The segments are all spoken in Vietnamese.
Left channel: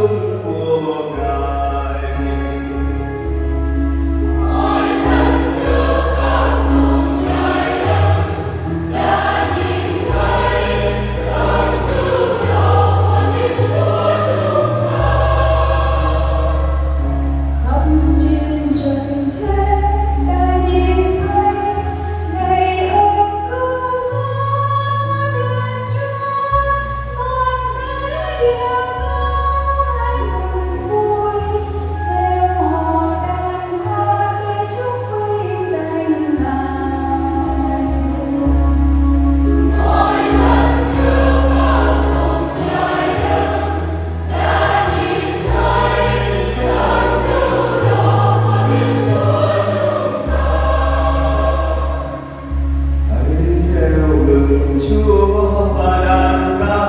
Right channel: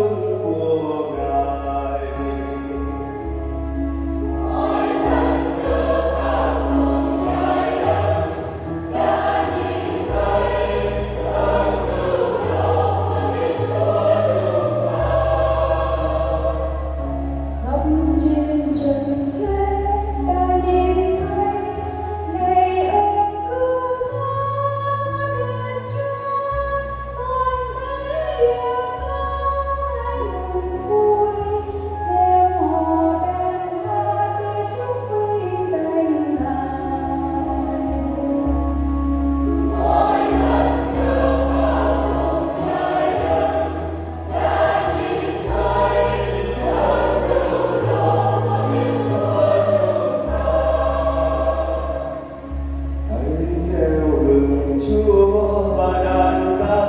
chung của Ngài. Mọi dân nước khắp cùng trái đất đã nhìn thấy ơn cứu độ của Thiên Chúa chúng ta. Khắp trên trần thế đã nhìn thấy ngày ơn cứu hóa Thiên Chúa, mọi cái đều có hạnh cùng vui, xem họ đàn hát để chúc quý danh Ngài. Mọi dân nước khắp cùng trái đất đã nhìn thấy ơn cứu độ của Thiên Chúa chúng ta. Hãy reo mừng Chúa và đàn ca,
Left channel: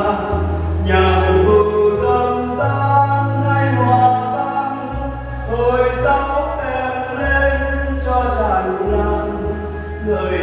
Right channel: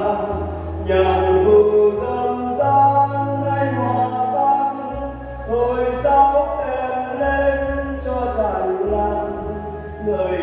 nhạc cụ râm ran hay hòa vang, thổi sáo kèn lên cho tràn lan lời